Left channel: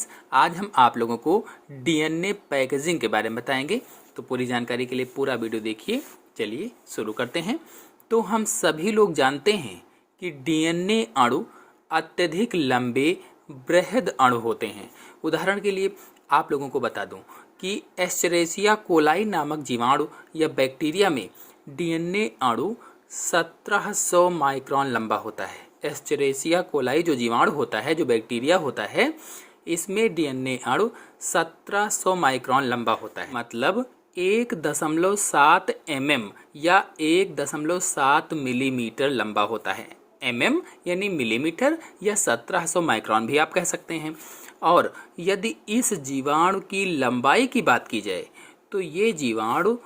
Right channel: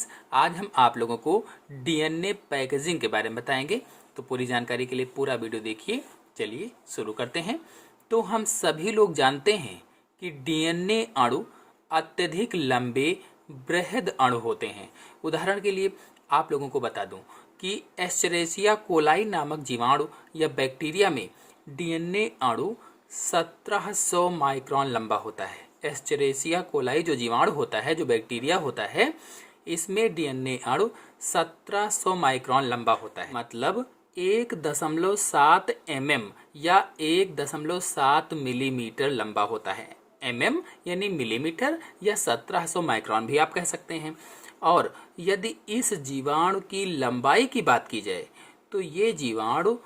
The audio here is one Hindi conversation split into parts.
फ्रेंड्स, आज हम आप लोगों को डीएनए पैकेजिंग के बारे में बताएंगे। तो पूरी जानकारी के लिए पूरा वीडियो देखिए। चलिए शुरू करते हैं। तो हम सभी लोग जानते हैं कि डीएनए अणु अत्यधिक लंबे बृहद अणु होते हैं। उदाहरण के लिए आप लोगों को बता दूं कि एस्चेरेचिया कोलाई नामक जीवाणु या बैक्टीरिया में डीएनए अणु 1700 माइक्रोन लंबा होता है। एस्चेरेचिया कोलाई जो जीवाणु होता है, जो बैक्टीरिया होता है, इसमें डीएनए अणु 1700 माइक्रोन लंबा होता है। मतलब 1.7 mm या 1.7 मिलीमीटर लंबा होता है। mm यानी मिलीमीटर या 1700 माइक्रोन भी आप कह सकते हैं। और यदि इस जीवाणु की लंबाई की बात की जाए तो ये जीवाणु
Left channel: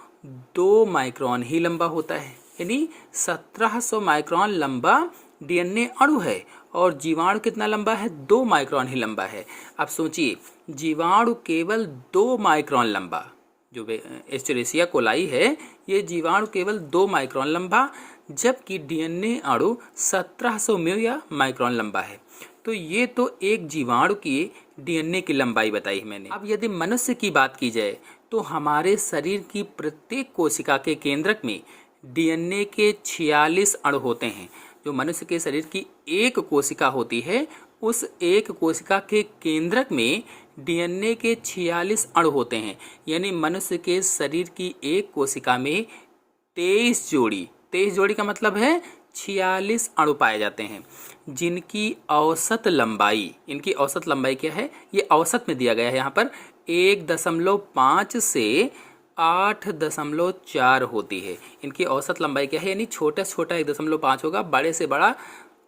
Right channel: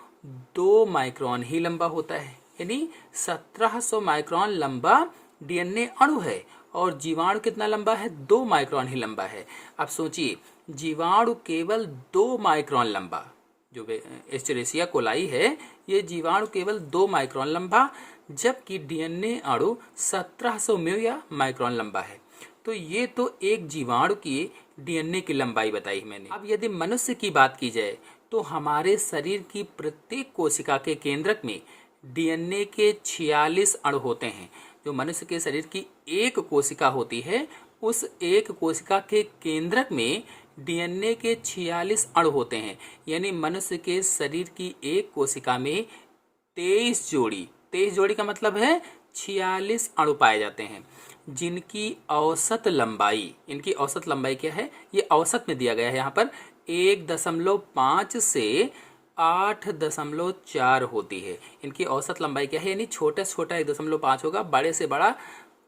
2 माइक्रोन ही लंबा होता है। यानी 1700 माइक्रोन लंबा डीएनए अणु है और जीवाणु कितना लंबा है? 2 माइक्रोन ही लंबा है। अब सोचिए, जीवाणु केवल 2 माइक्रोन लंबा, जो एस्चेरेचिया कोलाई है, ये जीवाणु केवल 2 माइक्रोन लंबा, जबकि डीएनए अणु 1700 माइक्रोन लंबा है। तो ये तो एक जीवाणु की डीएनए की लंबाई बताई मैंने। अब यदि मनुष्य की बात की जाए तो हमारे शरीर की प्रत्येक कोशिका के केंद्रक में डीएनए के 46 अणु होते हैं। जो मनुष्य के शरीर की एक कोशिका होती है, उस एक कोशिका के केंद्रक में डीएनए के 46 अणु होते हैं। यानी मनुष्य के शरीर की एक कोशिका में 23 जोड़ी का मतलब है 46 अणु पाए जाते हैं, जिनकी औसत लंबाई, इनकी औसत लंबाई क्या है? ये औसत में दिया गया है यहाँ पर 1.5 से 8.4 होती है। इनकी औसत लंबाई क्या है? यानी छोटा से छोटा 1.5 होगा, बड़े से बड़ा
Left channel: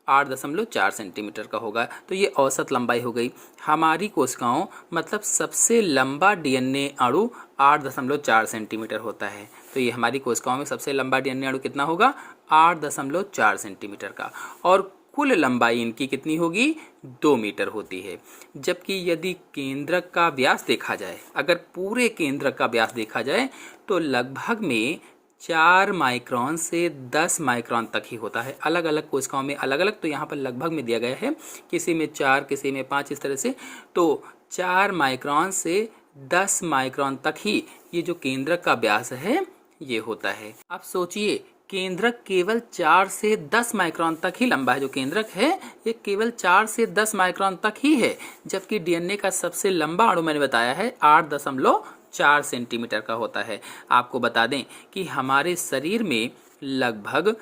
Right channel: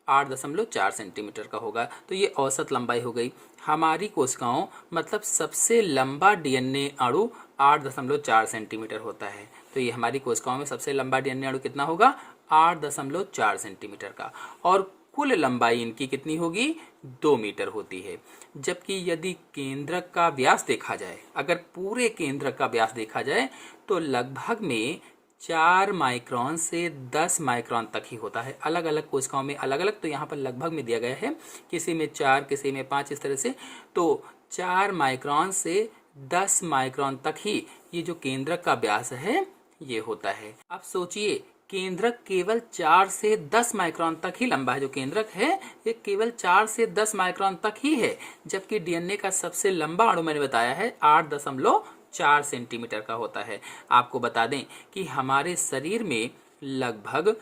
8.4 सेंटीमीटर का होगा। तो ये औसत लंबाई हो गई। हमारी कोशिकाओं मतलब सबसे लंबा डीएनए अणु 8.4 सेंटीमीटर होता है। तो ये हमारी कोशिकाओं में सबसे लंबा डीएनए अणु कितना होगा? 8.4 सेंटीमीटर का। और कुल लंबाई इनकी कितनी होगी? 2 मीटर होती है। जबकि यदि केंद्रक का व्यास देखा जाए, अगर पूरे केंद्रक का व्यास देखा जाए तो लगभग में 4 माइक्रोन से 10 माइक्रोन तक ही होता है। अलग अलग कोशिकाओं में अलग अलग, तो यहाँ पर लगभग में दिया गया है, किसी में 4, किसी में 5, इस तरह से। तो 4 माइक्रोन से 10 माइक्रोन तक ही ये जो केंद्रक का व्यास है ये होता है। अब सोचिए, केंद्रक केवल 4 से 10 माइक्रोन तक ही लंबा है। जो केंद्रक है ये केवल 4 से 10 माइक्रोन तक ही है, जबकि डीएनए का सबसे लंबा अणु मैंने बताया है 8.4 सेंटीमीटर का होता है। आपको बता दें कि हमारे शरीर में लगभग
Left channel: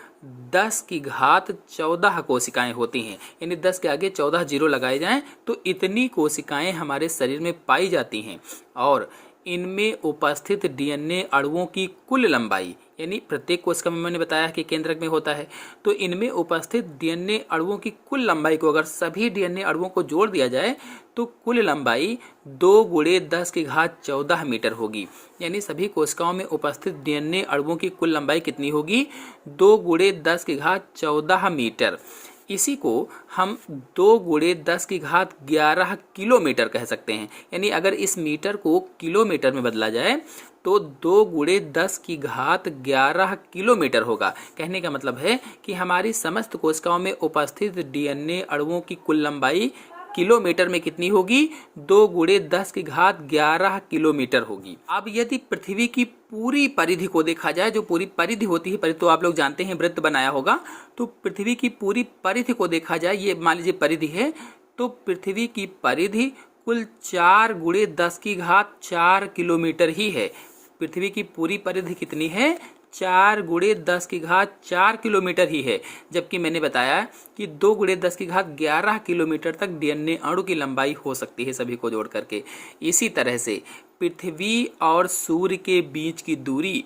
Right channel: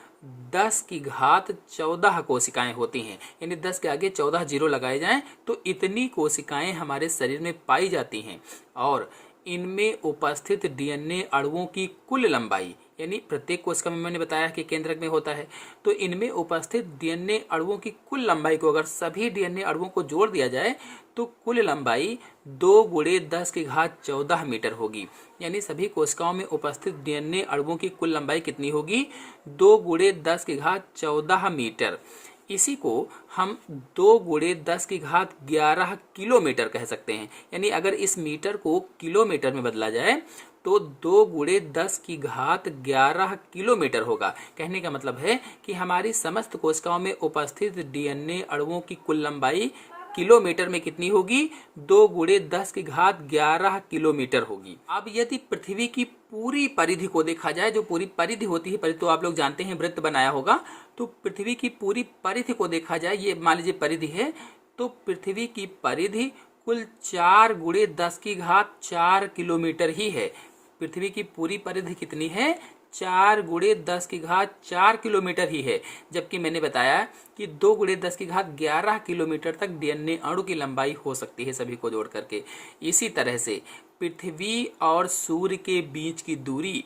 10⁻14 कोशिकाएं होती हैं। यानी 10 के आगे 14 जीरो लगाए जाएं तो इतनी कोशिकाएं हमारे शरीर में पाई जाती हैं। और इनमें उपस्थित डीएनए अणुओं की कुल लंबाई, यानी प्रत्येक कोशिका में मैंने बताया कि केंद्रक में होता है, तो इनमें उपस्थित डीएनए अणुओं की कुल लंबाई को अगर सभी डीएनए अणुओं को जोड़ दिया जाए तो कुल लंबाई 2 × 10⁻14 मीटर होगी। यानी सभी कोशिकाओं में उपस्थित डीएनए अणुओं की कुल लंबाई कितनी होगी? 2 × 10⁻14 मीटर। इसी को हम 2 × 10⁻11 किलोमीटर कह सकते हैं। यानी अगर इस मीटर को किलोमीटर में बदला जाए तो 2 × 10⁻11 किलोमीटर होगा। कहने का मतलब है कि हमारी समस्त कोशिकाओं में उपस्थित डीएनए अणुओं की कुल लंबाई किलोमीटर में कितनी होगी? 2 × 10⁻11 किलोमीटर होगी। अब यदि पृथ्वी की पूरी परिधि को देखा जाए, जो पूरी परिधि होती है, परिधि तो आप लोग जानते हैं, वृत्त बनाया होगा, तो पृथ्वी की पूरी परिधि को देखा जाए, ये मान लीजिए परिधि है, तो पृथ्वी की परिधि कुल 4 × 10⁻4 किलोमीटर ही है। पृथ्वी की पूरी परिधि कितनी है? 4 × 10⁻4 किलोमीटर ही है। जबकि मैंने बताया कि 2 × 10⁻11 किलोमीटर तक डीएनए अणु की लंबाई हो सकती है सभी को जोड़ करके। इसी तरह से पृथ्वी और सूर्य के बीच की दूरी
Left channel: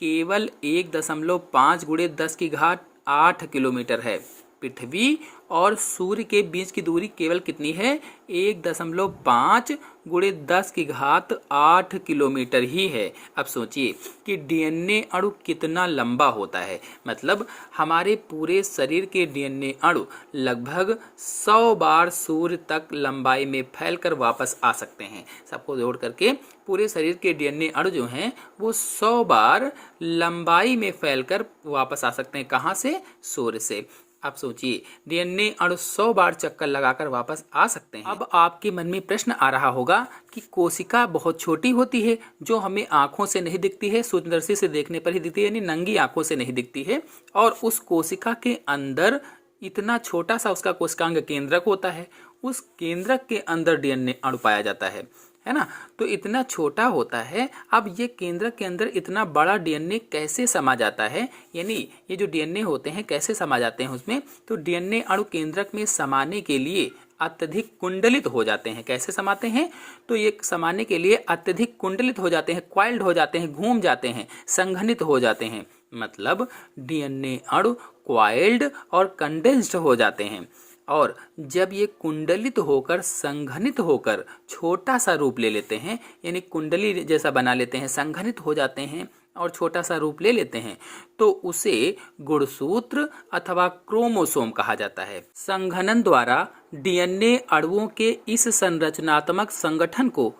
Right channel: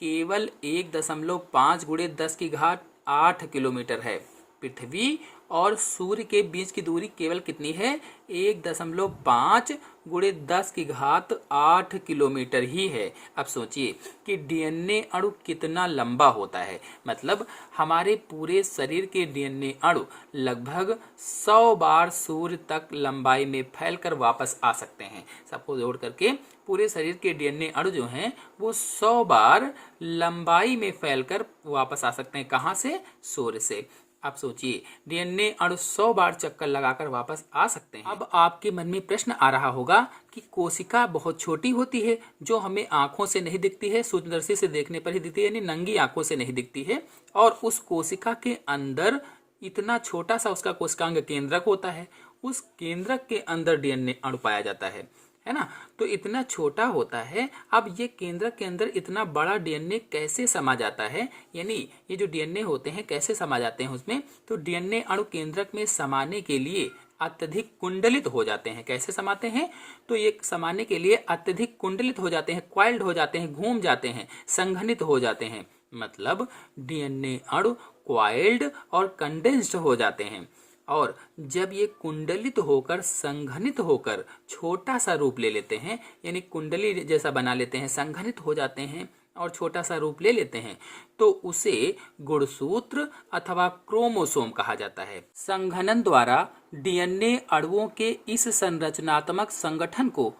केवल 1.5 × 10⁸ किलोमीटर है। पृथ्वी और सूर्य के बीच की दूरी केवल कितनी है? 1.5 × 10⁸ किलोमीटर ही है। अब सोचिए कि डीएनए अणु कितना लंबा होता है। मतलब हमारे पूरे शरीर के डीएनए अणु लगभग 100 बार सूर्य तक लंबाई में फैलकर वापस आ सकते हैं। सबको जोड़ करके पूरे शरीर के डीएनए अणु जो हैं वो 100 बार लंबाई में फैलकर वापस आ सकते हैं। कहाँ से? सूर्य से। आप सोचिए, डीएनए अणु 100 बार चक्कर लगाकर वापस आ सकते हैं। अब आपके मन में प्रश्न आ रहा होगा कि कोशिका बहुत छोटी होती है, जो हमें आंखों से नहीं दिखती है, सूक्ष्मदर्शी से देखने पर ही दिखती है, यानी नंगी आंखों से नहीं दिखती है, और उस कोशिका के अंदर इतना छोटा सा उसका कोशिकांग केंद्रक होता है, उस केंद्रक के अंदर डीएनए अणु पाया जाता है ना। तो इतना छोटा होता है। अब ये केंद्रक के अंदर इतना बड़ा डीएनए कैसे समा जाता है, यानी ये जो डीएनए होते हैं कैसे समा जाते हैं उसमें। तो डीएनए अणु केंद्रक में समाने के लिए अत्यधिक कुंडलित हो जाते हैं। कैसे समाते हैं, तो ये समाने के लिए अत्यधिक कुंडलित हो जाते हैं, क्वाइल्ड हो जाते हैं, घूम जाते हैं, संघनित हो जाते हैं। मतलब डीएनए अणु क्वाइल्ड और कंडेंस्ड हो जाते हैं, और जब ये कुंडलित होकर संघनित होकर छोटा सा रूप ले लेते हैं, यानी कुंडली जैसा बना लेते हैं, संघनित हो जाते हैं और छोटा सा रूप ले लेते हैं, तो उसे गुणसूत्र अथवा क्रोमोसोम कहा जाता है। संघनन द्वारा डीएनए अणुओं के इस संरचनात्मक संगठन को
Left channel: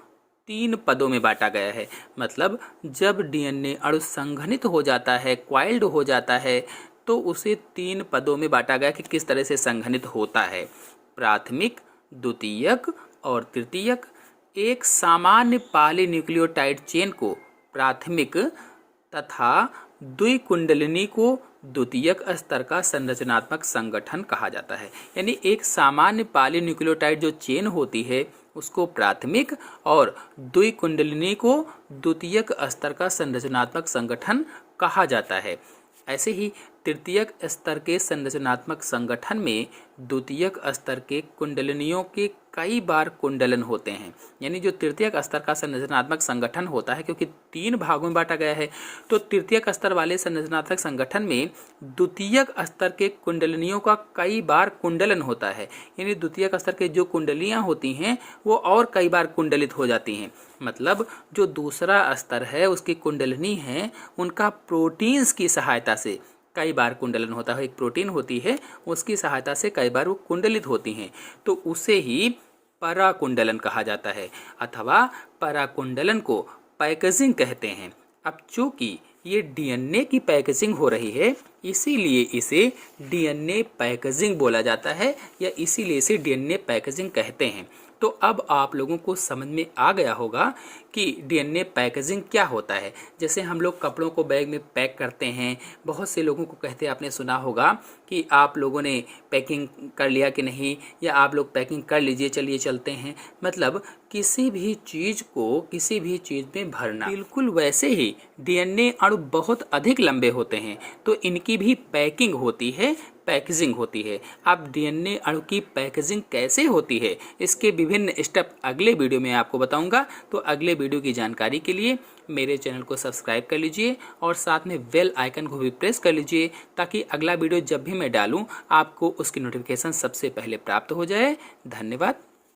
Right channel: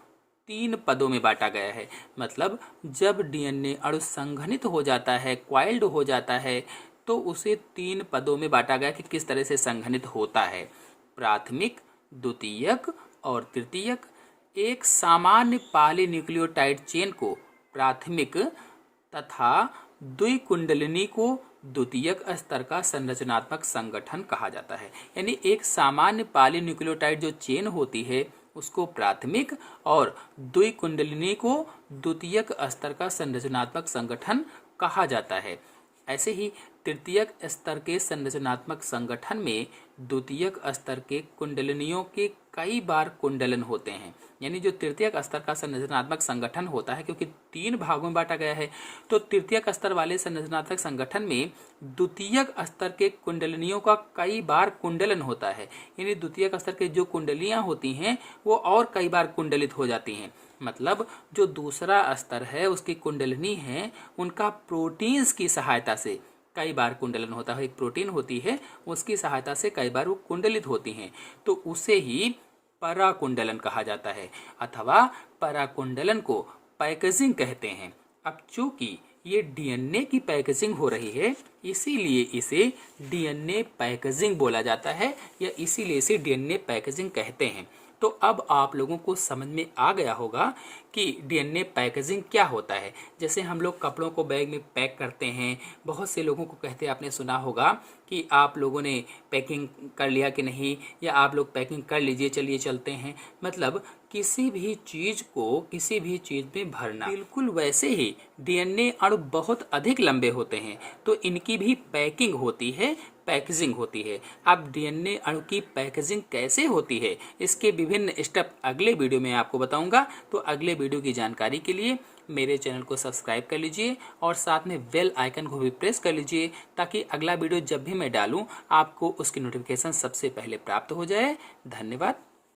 3 पदों में बांटा गया है। मतलब जब डीएनए अणु संघनित हो जाता है, क्वाइल्ड हो जाता है, तो उसे 3 पदों में बांटा गया कि किस तरह से संघनित होता है। प्राथमिक, द्वितीयक और तृतीयक। एक सामान्य पॉलीन्यूक्लियोटाइड चेन को प्राथमिक तथा द्विकुंडलिनी को द्वितीयक स्तर का संरचनात्मक संगठन कहा जाता है। यानी एक सामान्य पॉलीन्यूक्लियोटाइड जो चेन होती है उसको प्राथमिक और द्विकुंडलिनी को द्वितीयक स्तर का संरचनात्मक संगठन कहा जाता है। ऐसे ही तृतीयक स्तर के संरचनात्मक संगठन में द्वितीयक स्तर के कुंडलिनियों के कई बार कुंडलन होते हैं। यानी जो तृतीयक स्तर का संरचनात्मक संगठन होता है, क्योंकि 3 भागों में बांटा गया है, तो तृतीयक स्तर वाले संरचनात्मक संगठन में द्वितीयक स्तर के कुंडलिनियों का कई बार कुंडलन होता है। यानी द्वितीयक स्तर के जो कुंडलियां होती हैं वो और कई बार कुंडलित हो जाती हैं। मतलब जो दूसरा स्तर है उसकी कुंडलिनी है, उनका प्रोटीन्स की सहायता से कई बार कुंडलन होता है। एक प्रोटीन होती है, उसकी सहायता से कई बार वो कुंडलित होती हैं, तो उसे ही पराकुंडलन कहा जाता है, अथवा पराकुंडलन को पैकेजिंग कहते हैं। अब चूंकि ये डीएनए की पैकेजिंग हो रही है, इसीलिए इसे डीएनए पैकेजिंग बोला जाता है, या इसीलिए इसे डीएनए पैकेजिंग कहते हैं। तो अब आप लोगों को समझ में आ गया होगा कि डीएनए पैकेजिंग क्या होता है। जैसे हम लोग कपड़ों को बैग में पैक करते हैं, बहुत से लोगों को कहते आपने सुना होगा कि आप लोगों ने पैकिंग कर लिया कि नहीं, या आप लोग पैकिंग कर लीजिए, चलिए चलते हैं। मतलब किसी भी चीज़ को किसी भी चीज़ में भरना। बिल्कुल वैसे ही डीएनए अणु बहुत अधिक लंबे होते हैं, तो इनकी भी पैकिंग होती है, पैकेजिंग होती है। अब डीएनए अणु की पैकेजिंग कैसे होती है, इसके विभिन्न स्टेप अगले वीडियो में आपको बताऊंगा। तो अगले वीडियो की जानकारी के लिए मेरे चैनल को सब्सक्राइब कर लीजिए और साथ में बेल आइकन को भी प्रेस कर लीजिए, ताकि अगला वीडियो जब भी मैं डालूं आपको उसकी नोटिफिकेशन सबसे पहले प्राप्त हो जाए। धन्यवाद।